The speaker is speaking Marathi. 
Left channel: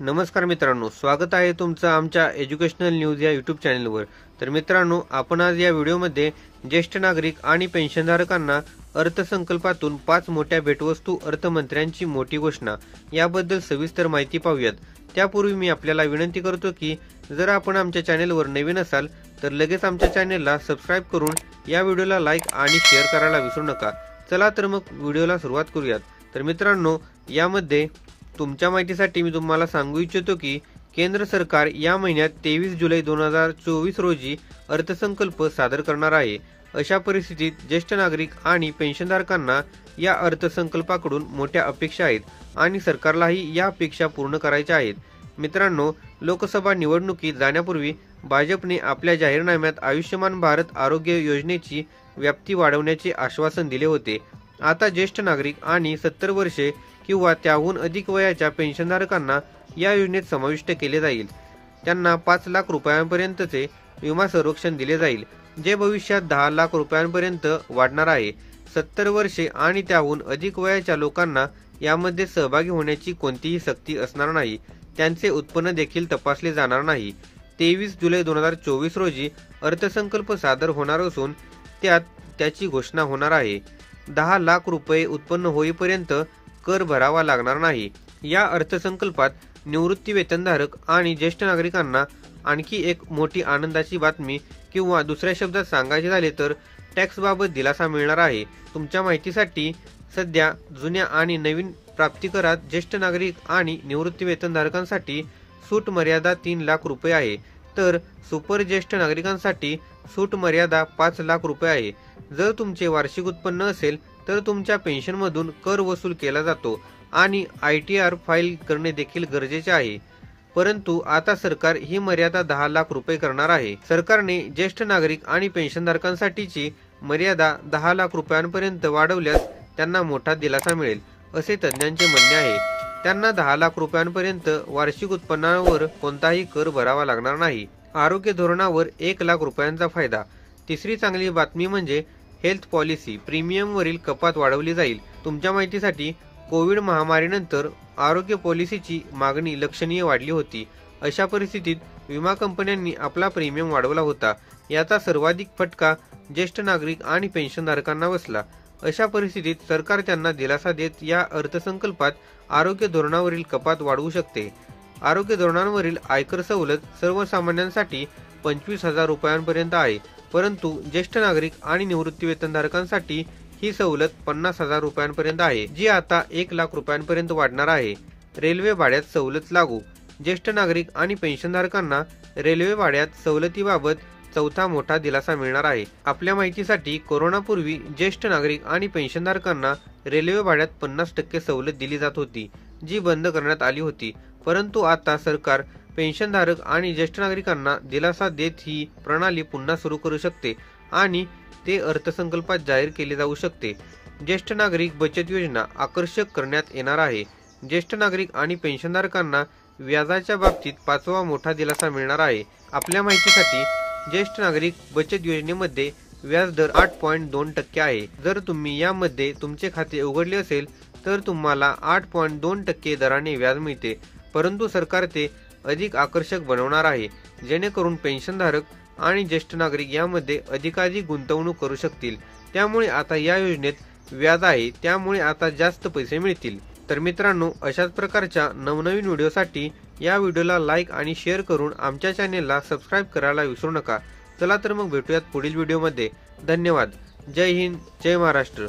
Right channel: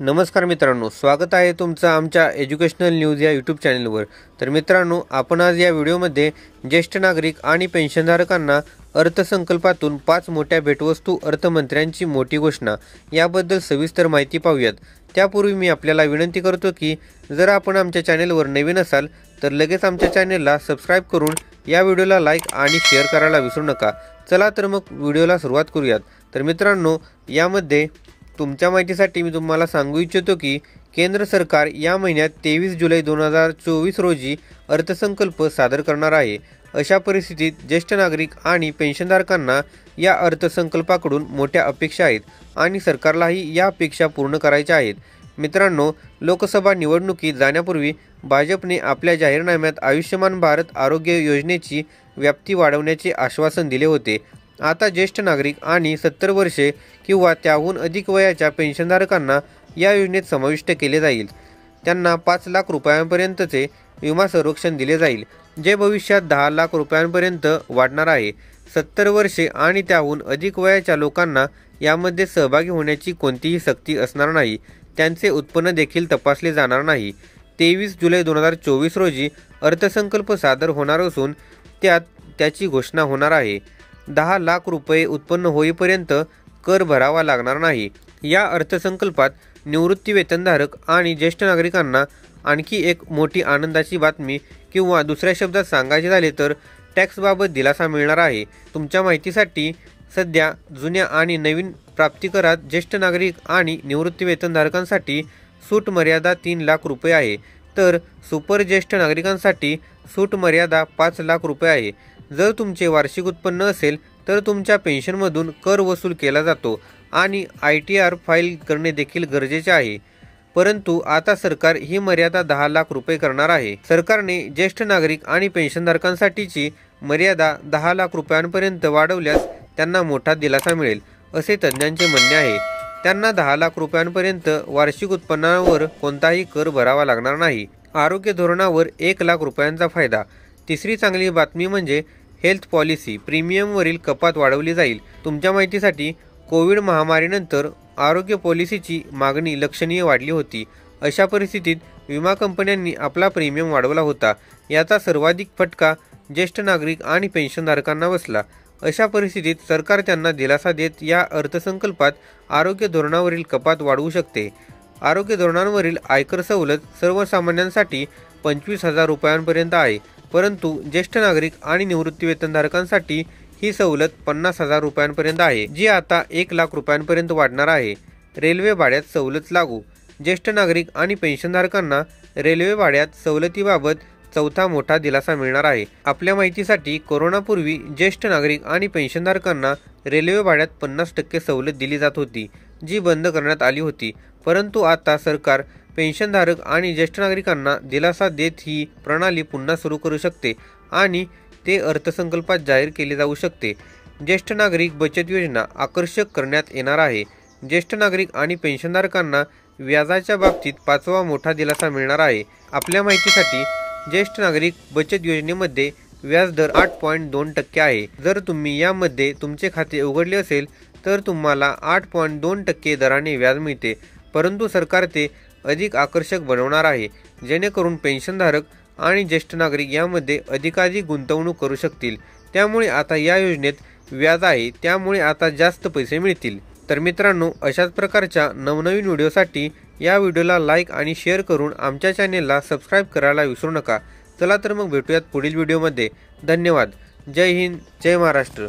नमस्कार मित्रांनो, स्वागत आहे तुमचं आमच्या एज्युकेशनल न्यूज या यूट्यूब चॅनलवर। तर मित्रांनो, आपण आज या व्हिडिओमध्ये ज्येष्ठ नागरिक आणि पेन्शनधारकांना अर्थसंकल्पातून 5 मोठ्या भेटवस्तू, अर्थमंत्र्यांची मोठी घोषणा याबद्दल सविस्तर माहिती पाहूयात। त्यापूर्वी मी आपल्याला विनंती करतो की जर आपण आमच्या चॅनलवर नवीन असाल तर लगेच आमच्या चॅनलला सबस्क्राइब करून या व्हिडिओला लाईक आणि शेअर करायला विसरू नका। चला तर मग व्हिडिओला सुरुवात करूयात। तर मित्रांनो, यामध्ये तुमच्या माहितीसाठी मी तुम्हाला सांगू इच्छितो की केंद्र सरकार या महिन्यात 23 जुलै 2024 रोजी अर्थसंकल्प सादर करणार आहे। अशा परिस्थितीत ज्येष्ठ नागरिक आणि पेन्शनधारकांना या अर्थसंकल्पाकडून मोठ्या अपेक्षा आहेत आणि सरकारलाही या अपेक्षा पूर्ण करायच्या आहेत। मित्रांनो, लोकसभा निवडणुकीत जाण्यापूर्वी भाजपने आपल्या जाहीरनाम्यात आयुष्यमान भारत आरोग्य योजनेची व्याप्ती वाढवण्याचे आश्वासन दिले होते। आता ज्येष्ठ नागरिक आणि 70 वर्षे किंवा त्याहून अधिक वयाच्या पेन्शनधारकांना या योजनेत समाविष्ट केले जाईल। त्यांना 5 लाख रुपयांपर्यंतचे विमा संरक्षण दिले जाईल, जे भविष्यात 10 लाख रुपयांपर्यंत वाढणार आहे। 70 वर्षे आणि त्याहून अधिक वयाच्या लोकांना यामध्ये सहभागी होण्याची कोणतीही सक्ती असणार नाही। त्यांचे उत्पन्न देखील तपासले जाणार नाही। 23 जुलै 2024 रोजी अर्थसंकल्प सादर होणार असून त्याची घोषणा होणार आहे। 10 लाख रुपये उत्पन्न होईपर्यंत कर भरावा लागणार नाही। या अर्थसंकल्पात निवृत्ती वेतनधारक आणि ज्येष्ठ नागरिकांना आणखी एक मोठी आनंदाची बातमी किंवा दुसऱ्या शब्दात सांगायचे झाले तर टॅक्सबाबत दिलासा मिळणार आहे। तुमच्या माहितीसाठी सध्या जुन्या आणि नवीन प्राप्तिकरात ज्येष्ठ नागरिक आणि निवृत्ती वेतनधारकांसाठी सूट मर्यादा 3 लाख रुपये आहे, तर सुपर ज्येष्ठ नागरिकांसाठी सूट मर्यादा 5 लाख रुपये आहे। जर तुमचे वार्षिक उत्पन्न असेल तर तुमच्या पेन्शनमधून कर वसूल केला जातो आणि ITR फाईल करणे देखील गरजेचे आहे। परंतु आता सरकार ही मर्यादा 10 लाख रुपये करणार आहे। सरकारने ज्येष्ठ नागरिक आणि पेन्शनधारकांसाठीची मर्यादा 10 लाख रुपयांपर्यंत वाढवल्यास त्यांना मोठा दिलासा मिळेल, असे तज्ज्ञांचे म्हणणे आहे। त्यांना 10 लाख रुपयांपर्यंत वार्षिक उत्पन्नावर कोणताही कर भरावा लागणार नाही। आरोग्य धोरणावर 1 लाख रुपयांचा फायदा। तिसरी चांगली बातमी म्हणजे हेल्थ पॉलिसी प्रीमियमवरील कपात वाढवली जाईल। तुमच्या माहितीसाठी कोविड महामारीनंतर आरोग्य पॉलिसीची मागणी लक्षणीय वाढली होती। अशा परिस्थितीत विमा कंपन्यांनी आपला प्रीमियम वाढवला होता। याचा सर्वाधिक फटका ज्येष्ठ नागरिक आणि पेन्शनधारकांना बसला। अशा परिस्थितीत सरकार त्यांना दिलासा देत या अर्थसंकल्पात आरोग्य धोरणावरील कपात वाढवू शकते। आरोग्य धोरणांवरील आयकर सवलत सर्वसामान्यांसाठी 25,000 रुपयांपर्यंत आहे, परंतु ज्येष्ठ नागरिक आणि निवृत्ती वेतनधारकांसाठी ही सवलत 50,000 रुपयांपर्यंत आहे, जी आता 1 लाख रुपयांपर्यंत वाढणार आहे। रेल्वे भाड्यात सवलत लागू। ज्येष्ठ नागरिक आणि पेन्शनधारकांना रेल्वे भाड्यात सवलतीबाबत चौथा मोठा दिलासा मिळणार आहे। आपल्या माहितीसाठी कोरोनापूर्वी ज्येष्ठ नागरिक आणि पेन्शनधारकांना रेल्वे भाड्यात 50% सवलत दिली जात होती, जी बंद करण्यात आली होती। परंतु आता सरकार पेन्शनधारक आणि ज्येष्ठ नागरिकांना दिलासा देत ही प्रणाली पुन्हा सुरू करू शकते आणि ते अर्थसंकल्पात जाहीर केले जाऊ शकते। ज्येष्ठ नागरिक बचत योजना आकर्षक करण्यात येणार आहे। ज्येष्ठ नागरिक आणि पेन्शनधारकांना व्याजाच्या बाबतीत 5वा मोठा दिलासा मिळणार आहे। आपल्या माहितीसाठी ज्येष्ठ नागरिक बचत योजनेमध्ये व्याजदर 8.2% आहे। जर तुम्ही यामध्ये तुमचे खाते उघडले असेल तर तुम्हाला 8.2% दराने व्याज मिळते, परंतु सरकार ते अधिक आकर्षक बनवणार आहे, जेणेकरून पेन्शनधारक आणि ज्येष्ठ नागरिक यामध्ये अधिकाधिक गुंतवणूक करू शकतील। त्यामुळे आता या योजनेत व्याज आहे, त्यामुळे आता जास्त पैसे मिळतील। तर मित्रांनो, अशाच प्रकारच्या नवनवीन व्हिडिओसाठी या व्हिडिओला लाईक आणि शेअर करून आमच्या चॅनेलला सबस्क्राइब करायला विसरू नका। चला तर मग भेटूयात पुढील व्हिडिओमध्ये। धन्यवाद। जय हिंद, जय महाराष्ट्र।